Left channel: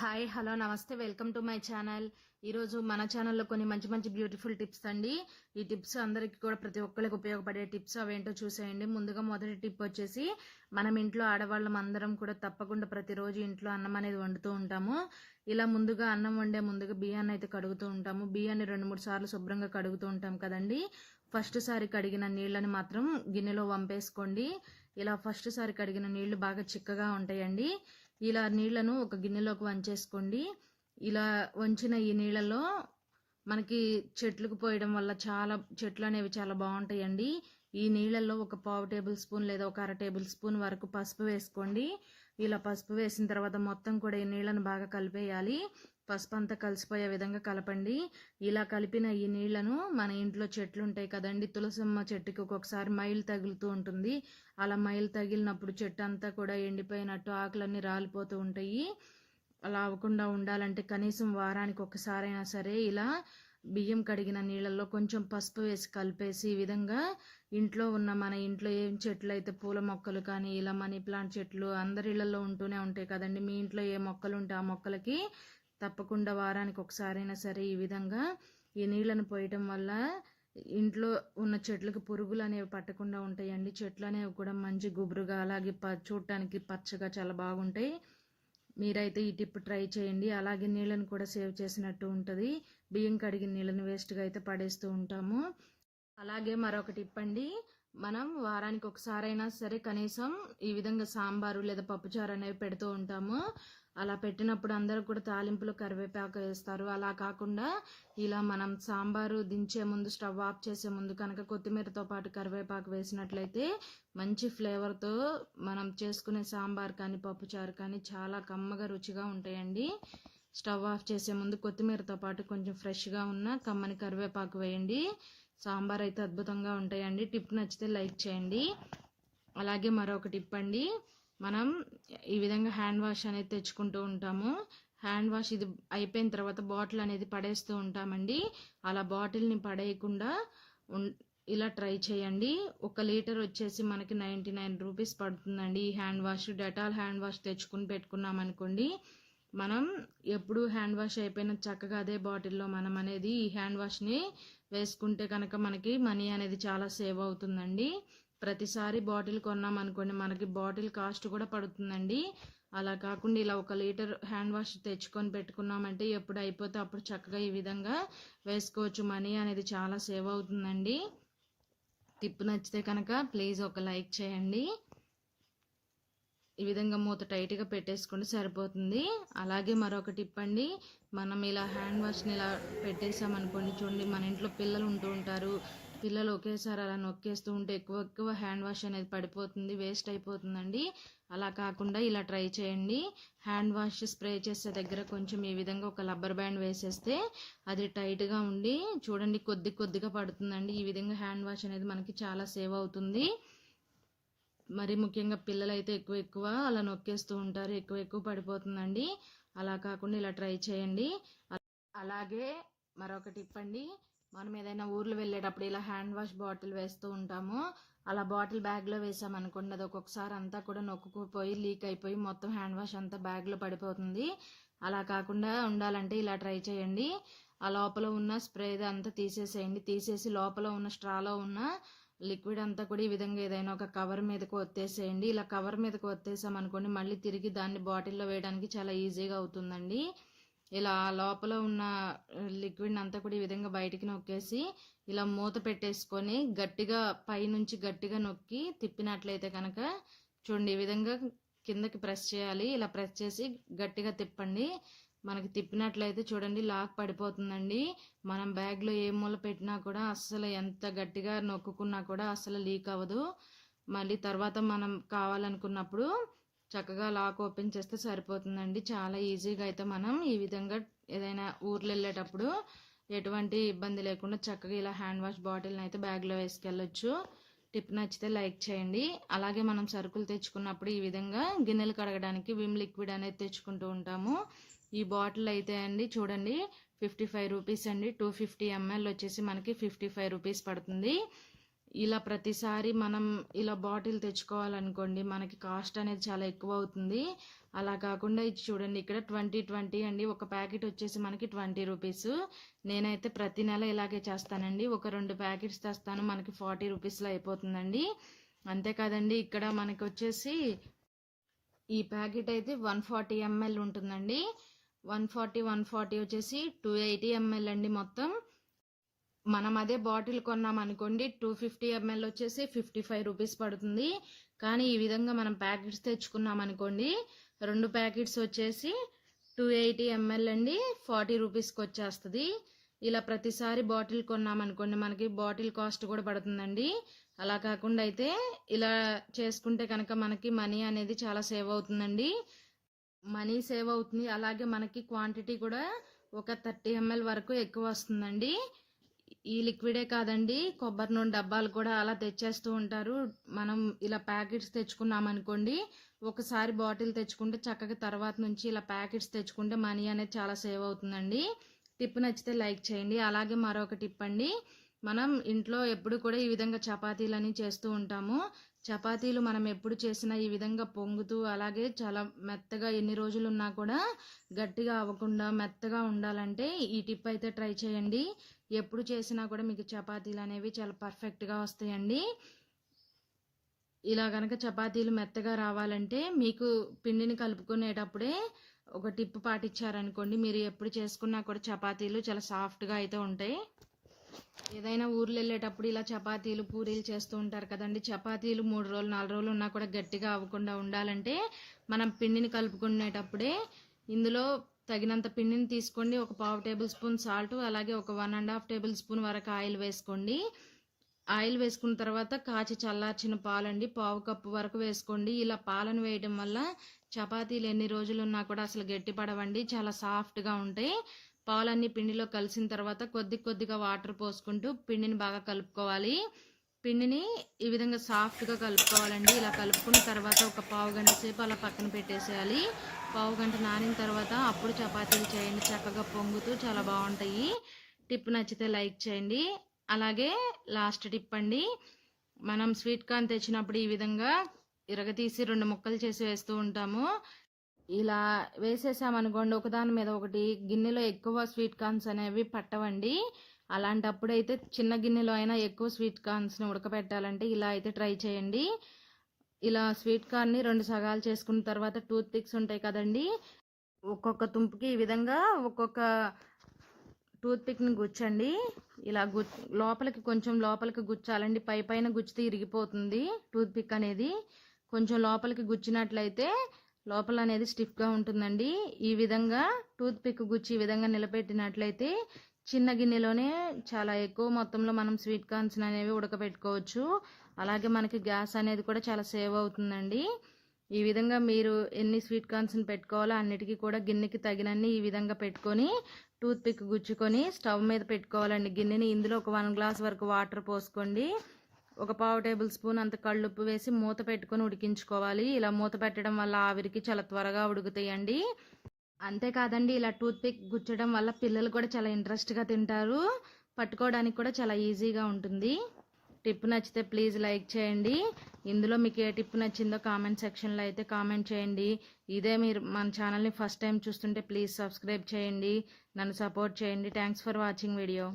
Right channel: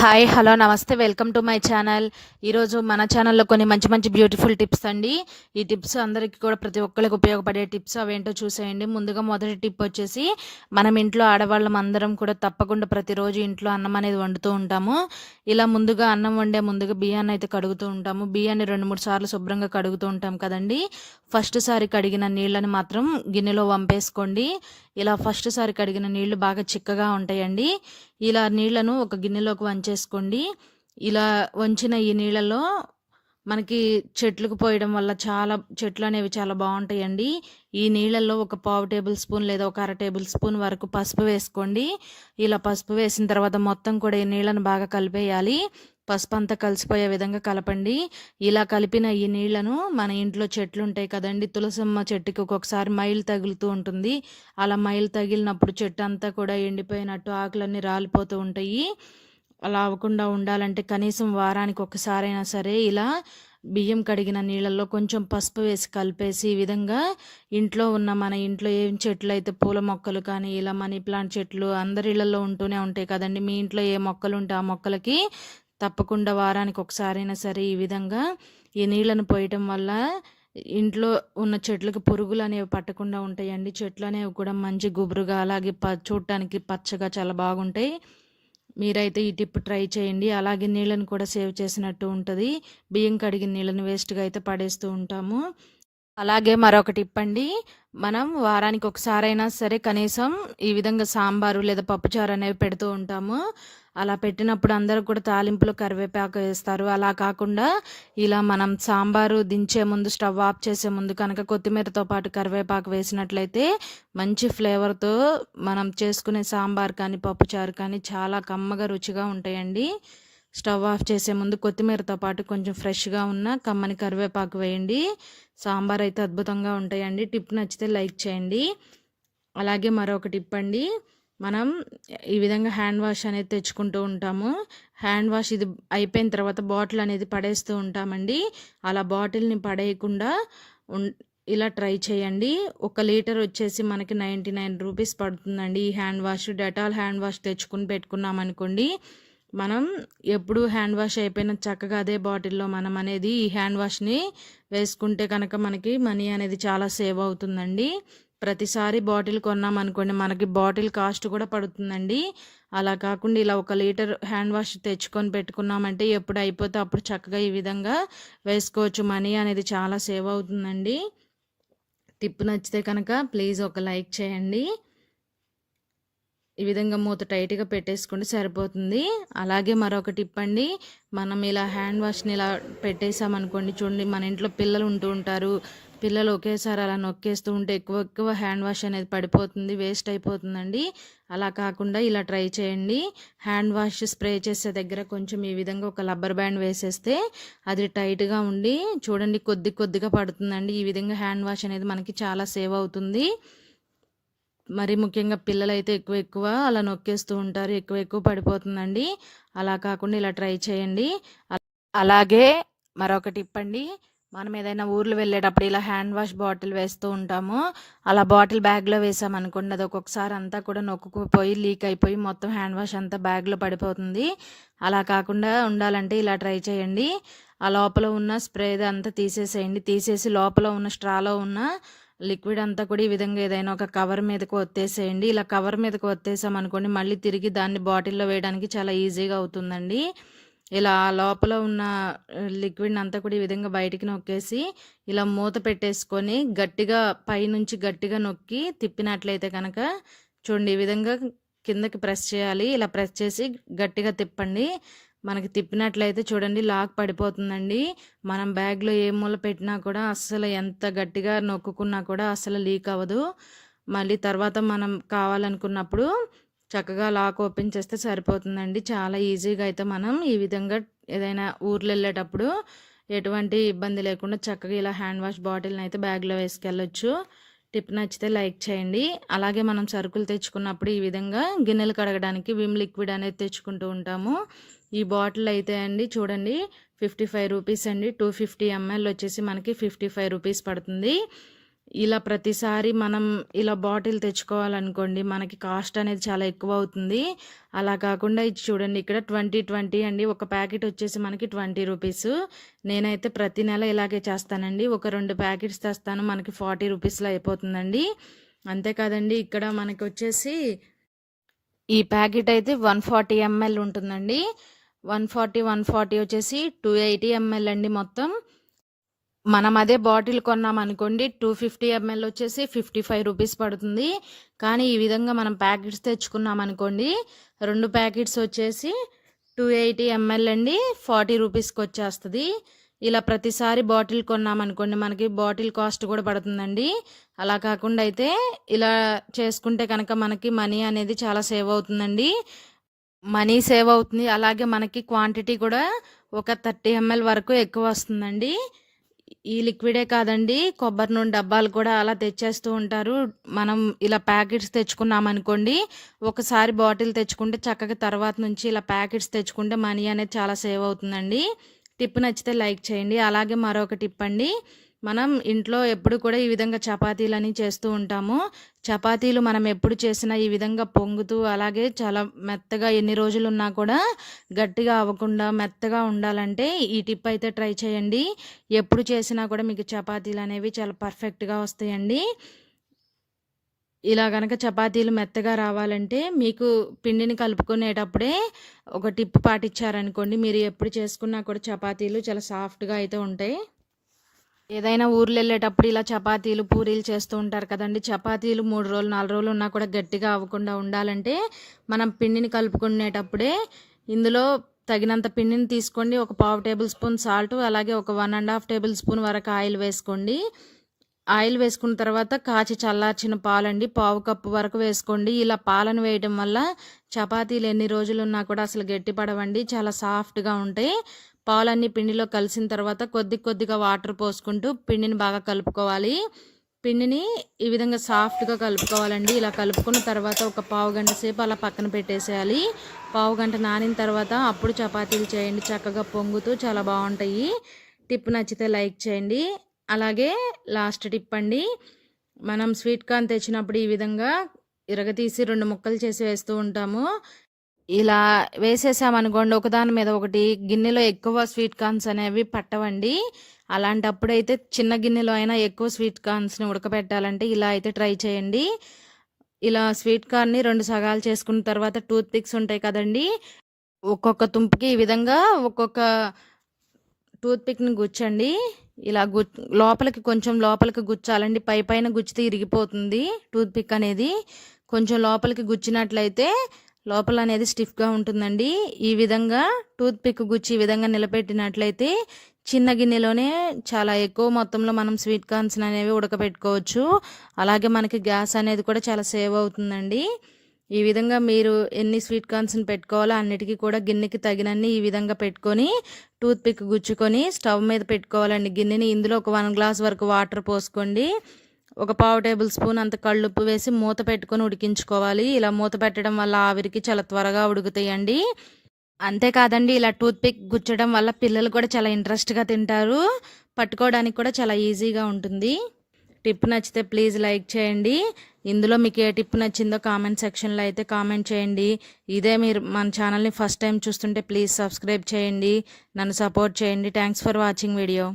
Hi hello నమస్తే welcome to my channel. ఈరోజు మన ఛానల్లో కొన్ని మంచి మంచి బ్యూటిఫుల్ టిప్స్ అండి. ఈ టిప్స్ అందరికీ కూడా ప్రతి ఒక్కరికి ఉపయోగపడే టిప్స్ అవేంటో చూసేయండి. ముందుగా మొదటి టిప్ వచ్చేసి మనం ఇంట్లో ఆడవాళ్ళం అందరం కూడా తప్పకుండా ప్రతిరోజు ఇంట్లో అన్నం అనేది వండుతూ ఉంటాము. ఇలా ముందుగా అన్నం వండే ముందుగా బియ్యాన్ని అయితే కడుగుతూ ఉంటాము. బియ్యాన్ని రెండు మూడు సార్లు శుభ్రంగా కడుగుతూ ఉంటాం కదండి. ఫస్ట్ సారి కడిగిన నీళ్ళని మాత్రం గిన్నెలో వంపేసుకోండి. ఇలా ఫస్ట్ సారి కడిగిన నీళ్ళు బాగా చిక్కగా ఉంటాయండి. ఇలా నీళ్ళను ఒక గిన్నెలోకి వంచేసుకోండి. ఇలా వంచిన ఈ నీళ్ళలో మనకి చెట్లకు పోయడం వల్ల చాలా చెట్లు అనేవి చాలా బాగుంటాయండి. ఈ నీళ్ళల్లో ఒక పావు టేబుల్ స్పూన్ లేదా ఒక అర టేబుల్ స్పూన్ వరకు పసుపు వేసుకోండి. ఇలా పసుపు వేసిన తర్వాత మొత్తం కూడా ఈ నీళ్ళను బాగా కలిపేయాలి. పసుపు అంతా కలిసిపోయే విధంగా కలపండి. ఇలా కలిపిన ఈ నీళ్ళను మన ఇంట్లో చెట్లు ఉంటాయి కదండి. తులసమ్మ చెట్టుకి ఒక్కొక్కసారి మైలు తగులుతూ ఉంటుంది. అలా మైలు తగిలినప్పుడు చెట్టు అంతా కూడా ఎండిపోయినట్టు ఆకులన్నీ రాలిపోతూ ఉంటాయి. అలా అవ్వకుండా ఉండాలంటే కనీసం వారానికి ఒకసారైనా సరే ఇలా బియ్యం కడిగిన నీళ్ళల్లో కొంచెం పసుపు వేసి కలిపేసి ఈ విధంగా ఇంట్లో ఉన్న మన ఇంట్లో ఏం చెట్లు అయితే పూల మొక్కలు కానీ ఇలా మనీ ప్లాంట్ చెట్లు అందరి ఇళ్ళలో ఉంటూనే ఉంటాయి కదండి. మీ ఇంట్లో ఏ మొక్కలు ఉంటే ఆ మొక్కలకి తప్పకుండా వారానికి ఒకసారైనా సరే ఈ విధంగా ఈ నీళ్ళను పోయటం వల్ల ఇంట్లో ఉన్న చెట్లకు పురుగులు అనేవి పట్టకుండా ఉంటాయండి. చెట్లు అనేవి కూడా మంచి గుబురుగా అలాగే ప చూడటానికి పచ్చగా చాలా బాగుంటాయి. మీరైతే ఈ టిప్ ట్రై చేయండి. అలాగే నీళ్ళను కూడా సేవ్ చేసినట్టు ఉంటుంది. బియ్యం కడిగిన నీళ్ళని వేస్ట్గా అయితే పడేస్తూ ఉంటాము. అలాగే మరొక టిప్ అండి. మనం వారానికి ఒకసారైనా సరే కనీసం ఈ విధంగా సాంబారు లేదా పప్పుచారు అనేవి పెడుతూ ఉంటాము. అలా పెట్టినప్పుడు అందరూ కూడా తాలింపులో కరివేపాకు వేస్తారు. అలా కాకుండా ఇలా మనం సాంబారు దించే ముందు స్టవ్ ఆఫ్ చేసే ముందు కనుక కొత్తిమీరతో పాటు కరివేపాకు వేసినట్లయితే మంచి ఫ్లేవర్తో మనం చేసుకునే సాంబార్ కానీ పప్పుచారు కానీ చాలా కమ్మగా రుచిగా ఉంటాయండి. స్టవ్ ఆఫ్ చేసే ముందు కొత్తిమీరతో పాటు కొంచెం ఫ్రెష్గా ఉన్న కమ్మని కరివేపాకు వేయండి. సాంబార్ అయితే అద్భుతంగా ఉంటాయండి. టిప్ నచ్చితే లైక్ చేయండి. అలాగే మరొక టిప్ అండి. మనం ఈ విధంగా హ్యాండ్ వాష్ అనేది తెచ్చుకుంటూ ఉంటాము. హ్యాండ్ వాష్ ఇది అయిపోయిన తర్వాత బాటిల్ అనేది పడేస్తూ ఉంటామండి. అలా బాటిల్ని పడేయకుండా ఇలా ట్రై చేయండి. ఒక లీటర్ వచ్చేసి మనకి నైంటీ నైన్ రూపీస్ పడుతుందండి. ఈ hand wash Dettol hand wash తెచ్చుకుని పెట్టుకున్నాం అనుకోండి మనం ఎప్పుడు హ్యాండ్ వాష్ అయిపోయిన చక్కగా అదే బాటిల్లో మనం అనేది ఈ హ్యాండ్ వాష్ని వేసుకుంటే కనుక మనకి మనీ అనేది చాలా సేవ్ అవుతుందండి. ప్రతిసారి బాటిల్ కొన్నామనుకోండి మనకి బాటిల్ కాస్ట్ కూడా పడుతుందండి. అలా కాకుండా ఇలా ఒక లీటర్ హ్యాండ్ వాష్ తెచ్చుకొని పెట్టుకున్నామంటే ఎప్పుడు అయిపోతే అప్పుడు చక్కగా ఈ విధంగా వేసుకోవచ్చు. మనీ అనేది చాలా సేవ్ అవుతుందండి. టిప్ నచ్చితే కనుక ప్లీజ్ ఒక లైక్ చేయండి. ఈ విధంగా మూత టైట్గా పెట్టేసుకుంటే సరిపోతుంది. అలాగే మరొక టిప్ అండి మనం ఇలా హ్యాండ్ వాష్ని ఇలా పెట్టేసామనుకోండి చూడండి మన ఇంట్లో పిల్లలు ఉంటూ ఉంటారు. పిల్లలు ఒకేసారి అలా నొక్కేస్తూ ఉంటే ఎక్కువ ఎక్కువ హ్యాండ్ వాష్ అనేది పడిపోతుంది వేస్ట్ అయిపోతుందండి. అలా కాకుండా ఇలా ట్రై చేయండి. హ్యాండ్ వాష్ స్ప్రే చేసే దగ్గర కొంచెం ఈ విధంగా ఒక రబ్బర్ బ్యాండ్ వేసేస్తే అది టైట్గా ఉండి చూడండి కొద్ది కొద్దిగా పడుతుందండి. ఈ విధంగా హ్యాండ్ వాష్ అనేది మనకి చాలా సేవ్ అవుతుంది. మరి ముఖ్యంగా పిల్లలైతే ఎక్కువ ఎక్కువ అలా నొక్కేస్తూ ఉంటారు ఎక్కువ ఎక్కువ పడిపోతుందండి. అలా కాకుండా ఇలా ట్రై చేయండి. అలాగే మరొక టిప్ అండి. మనం ఏదైనా ఊర్లు వెళ్ళేటప్పుడు ఇలా హ్యాండ్ వాష్ బాటిల్ వేస్తూ ఉంటాము. అలా బాటిల్ బ్యాగ్లో వేసామనుకోండి అది ఒక్కొక్కసారి అంతా కూడా నొక్కుపోయి లీక్ అయిపోయి మొత్తం హ్యాండ్ వాష్ అంతా బ్యాగ్లో పడిపోతుంది. అలా కాకుండా ఉండాలంటే ఇలా ట్రై చేయండి. ఆ లోపల ఉన్న స్ప్రే అంతా తీసేసేయండి. తీసేసి లోపల ఉన్న స్ట్రాలో ఉన్న లిక్విడ్ అంతా కూడా ఈ విధంగా ఏదైనా ఒక కవర్ మీదకి ఒత్తేసేయండి. ఇలా కవర్ మీదకి ఒత్తేసామనుకోండి మళ్ళీ తిరిగి దాన్ని బాటిల్లో వేయడానికి చాలా ఈజీగా అవుతుందండి. ఇలా లోపల ఉన్న లిక్విడ్ని అంతా కూడా ఈ విధంగా బయటికి నొక్కేసి ఇలా మూత పెట్టేసుకొని గట్టిగా పైనుంచి గట్టిగా నొక్కి తిప్పినట్లయితే కనుక చూడండి ఈ విధంగా కిందకి ప్రెస్ చేయాలి. ఇలా ప్రెస్ చేసి గట్టిగా తిప్పండి. మనకి తిప్పినట్లయితే చూడండి లాక్ పడిపోతుందండి. మనం బ్యాగ్లో ఏ మూల పెట్టినా కూడా అస్సలు ఎంత గట్టిగా నొక్కుకున్నా కూడా అస్సలు లీక్ అవ్వదు. మళ్ళీ తర్వాత మనం కావాలనుకున్నప్పుడు చక్కగా లాక్ ఓపెన్ చేస్తే సరిపోతుందండి. చాలా ఈజీగా అయితే మనం ఈ విధంగా ఏదైనా ఊర్లు వెళ్ళేటప్పుడు ఎటువంటి ఇబ్బంది లేకుండా చక్కగా ఇలా హ్యాండ్ వాష్ బాటిల్ని అయితే బ్యాగ్లో వేసుకెళ్ళొచ్చు. టిప్ నచ్చితే లైక్ చేయండి. అలాగే మనం సరుకులు తెచ్చుకున్నప్పుడు ఈ విధంగా గిన్నెలు కడగడానికి విమ్ లిక్విడ్ అనేది తెచ్చుకుంటూ ఉంటాము. ఈ బాటిల్ అయితే అండి చూడండి ఫిఫ్టీ ఫైవ్ రూపీస్ అండి. టూ ఫిఫ్టీ ఎంఎల్ వచ్చేసి మనకి ఫిఫ్టీ ఫైవ్ రూపీస్ పడుతుంది. ఇలా ప్రతిసారి మనం ఇలా బాటిల్ తెచ్చుకోవాలనుకోండి మనకి కాస్ట్ అనేది చాలా ఎక్కువ అవుతుంది అలా కాకుండా ఇది చూడండి ఇక్కడ ట్వంటీ ట్వంటీ అండి. ఒక ప్యాకెట్ వచ్చేసి మనకి ట్వంటీ రూపీస్. నేనైతే ప్రతి నెల ఇలాగే చేస్తానండి. ఒక రెండు ప్యాకెట్స్ తెస్తాను మనకి ఫార్టీ రూపీస్లో అయిపోతుందండి. అంతేకాదండి ఇక్కడ మనకి వచ్చేసి ఈ ప్యాకెట్ అయితే వన్ ఫార్టీ ఎంఎల్ ఉంటుందండి. వన్ ఫార్టీ వన్ ఫార్టీ వచ్చేసి టూ ఎయిటీ ఎంఎల్ అండి మొత్తం. మనం అదే బాటిల్ కొన్నాం అనుకోండి టూ ఫిఫ్టీ ఎంఎల్ వచ్చేసి ఫిఫ్టీ ఫైవ్ రూపీస్ పడుతుంది. కానీ ఈ విధంగా మనం ప్యాకెట్స్ తెచ్చుకున్నాం అనుకోండి రెండు ప్యాకెట్స్ వచ్చేసి టూ ఎయిటీ ఎంఎల్ అండి ఫార్టీ రూపీస్కి వచ్చేస్తుంది. ఇలా ప్రతిసారి బాటిల్ కొన్నాం అనుకోండి మనకి బాటిల్ కాస్ట్ కూడా పడుతుందండి. అలా కాకుండా అయితే ఇలా చేసుకుంటే కనుక మనకి మనీ అనేది చాలా సేవ్ అవుతుందండి. మనీ సేవ్ అవుతుంది. అలాగే మనకి క్వాంటిటీ కూడా ఒక థర్టీ ఎంఎల్ వరకు ఎక్కువ వస్తుందండి. ఈ లిక్విడే కాదండి. కొబ్బరి నూనె డబ్బాలు కూడా అలా తెచ్చేస్తూ ఉంటారు. మనం ఇలా ప్యాకెట్స్ తెచ్చుకున్నామనుకోండి ఒకసారి బాటిల్ తెచ్చుకుంటే చక్కగా తర్వాత నుంచి ఇలా ప్యాకెట్స్ తెచ్చుకుంటే మనీ అనేది చాలా సేవ్ అవుతుందండి. టిప్ నచ్చితే లైక్ చేయండి. అలాగే మరొక టిప్ అండి. మనం ఇంట్లో ఎప్పుడు కూడా ఈ విధంగా చపాతీలని చేస్తూ ఉంటాము. చపాతీలు మనం ఎప్పుడు చేసినా ఈ విధంగా పొంగుతూ అలాగే చాలా మెత్తగా ఎన్ని రోజులు ఉన్నా కూడా గట్టిగా అవ్వకుండా మెత్తగా ఉండాలంటే ఈ టిప్ అయితే ట్రై చేయండి. ఎప్పుడు చేసినా కూడా మీకు చపాతీలు అనేవి చాలా పర్ఫెక్ట్గా వస్తాయండి. ఇలా కనుక చపాతీలు మెత్తగా రావాలంటే మీకు పిండిని కలుపుకునేటప్పుడే ఒక టిప్ పాటించారనుకోండి మీరు ఎప్పుడు చేసుకున్నా కూడా చపాతీలు చాలా సాఫ్ట్గా అయితే ఉంటాయి. ఏదైనా ఊర్లు వెళ్ళేటప్పుడు ఇలా చపాతీలు పూరీలు చేస్తూ ఉంటారు కదండి. చపాతీలు మూడు రోజులు నాలుగు రోజులు ఉన్నా కూడా గట్టిగా అవ్వకుండా ఉండాలంటే మనం పిండిని కలుపుకునేటప్పుడే ఇందులో తగినంత పిండిని తీసుకోండి. ఒక పావు టేబుల్ స్పూన్ సాల్ట్ అలాగే ఒక one and half table spoon వరకు ఆయిల్ వేసుకోండి. ఆయిల్ వేసుకున్న తర్వాత కాచి చల్లార్చిన పాలండి. పావు కప్పు వరకు వేసుకోండి. ఇలా పాలను వేయడం వల్ల చపాతీలు ఎన్ని రోజులు ఉన్నా కూడా అసలు గట్టి పడవండి చాలా సాఫ్ట్గా ఉంటాయి. పాలన్నీ పిండిలో కలిసిన తర్వాత కొద్ది కొద్దిగా వాటర్ పోసుకుంటూ పిండిని బాగా కలుపుకోవాలి. పిండిని ఈ విధంగా సాఫ్ట్గా కలుపుకోవాలండి. ఇలా కలుపుకున్న తర్వాత ఒక పావు గంట సేపు అలా పక్కన పెట్టేసేయాలి. పావు గంట నానిన తర్వాత అప్పుడు చపాతీలు చేయండి. చక్కగా పొంగుతూ చాలా బాగుంటాయి. టిప్ నచ్చితే లైక్ చేయండి. అలాగే లాస్ట్ టిప్ అండి. మనం స్వీట్ కార్న్ తెచ్చినప్పుడు ఈ విధంగా ఇరగతీసి రెండు ముక్కలు చేసి వేస్తూ ఉంటాము. ఇలా వేసేసామనుకోండి ఒకదాని మీద ఒకటి గిన్నెలో ఎక్కువ స్వీట్ కార్న్స్ అనేవి పట్టవండి. అలాంటప్పుడు అయితే చిన్న గిన్నెలో అయినా ఎక్కువ స్వీట్ కార్న్స్ని ఉడకబెట్టాలంటే ఇలా అయితే ట్రై చేయండి. ఇలా స్వీట్ కార్న్ని రెండు సగాలు చేసుకున్న తర్వాత టూత్ పిక్స్ ఉంటాయి కదండి. ఒక్కొక్క తుంపుకి ఈ విధంగా ఒక్కొక్క టూత్ పిక్ని గుచ్చండి. ఇలా గు లోపలికి కొంచెం లోపలికి గుచ్చాలండి. పై పైన గుచ్చితే ఇరిగిపోతుంది టూత్ పిక్ అనేది. కొంచెం లోపలికి గుచ్చినట్లయితే లోపల అనేది స్టిఫ్గా ఉంటుందండి. ఈ విధంగా టూత్ పిక్ గుచ్చి ఈ విధంగా నిలబెట్టినట్లయితే చిన్న గిన్నెలోనే చాలా ఎక్కువ మొత్తంలో మనం స్వీట్ కార్న్స్ అనేవి ఉడకబెట్టుకోవచ్చు అలాగే మనకి గ్యాస్ అనేది కూడా చాలా సేవ్ అవుతుందండి. ఈ విధంగా మీరు ఎన్ని స్వీట్ కార్న్స్ని పెట్టుకోవాలో అన్నిటికీ కూడా గిన్నెకి తగినన్ని ఈ విధంగా పెట్టుకొని టూత్ పిక్ గుచ్చుకొని స్టవ్ మీద పెట్టుకోవాలండి. గిన్నెని ఇందులో ఒక వన్ గ్లాస్ వరకు వాటర్ పోసుకోండి. ఒక పావు టేబుల్ స్పూన్ అంత కళ్ళుప్పు వేసి మూత పెట్టుకొని ఉడికించుకోవాలి. ఇలా మూత పెట్టడం వల్ల ఆవిరికి చాలా త్వరగా ఉడుకుతాయండి. అంతేకాదండి ఇలా టూత్ పిక్ గుచ్చడం వల్ల పిల్లలు కూడా చాలా ఇంట్రెస్ట్గా తింటారు. పట్టుకోవడానికి కూడా చాలా ఈజీగా ఉంటుంది. టిప్ నచ్చితే ప్లీజ్ లైక్ చేయండి. ఇందులో మీకు ఏ టిప్ నచ్చిందో కామెంట్ సెక్షన్లో అయితే కామెంట్ చేయండి. ఇదే మీరు మన ఛానల్ని ఫస్ట్ టైం చూస్తుంటే ప్లీజ్ సబ్స్క్రైబ్ చేయండి. నన్ను సపోర్ట్ చేయండి. Thanks for watching video.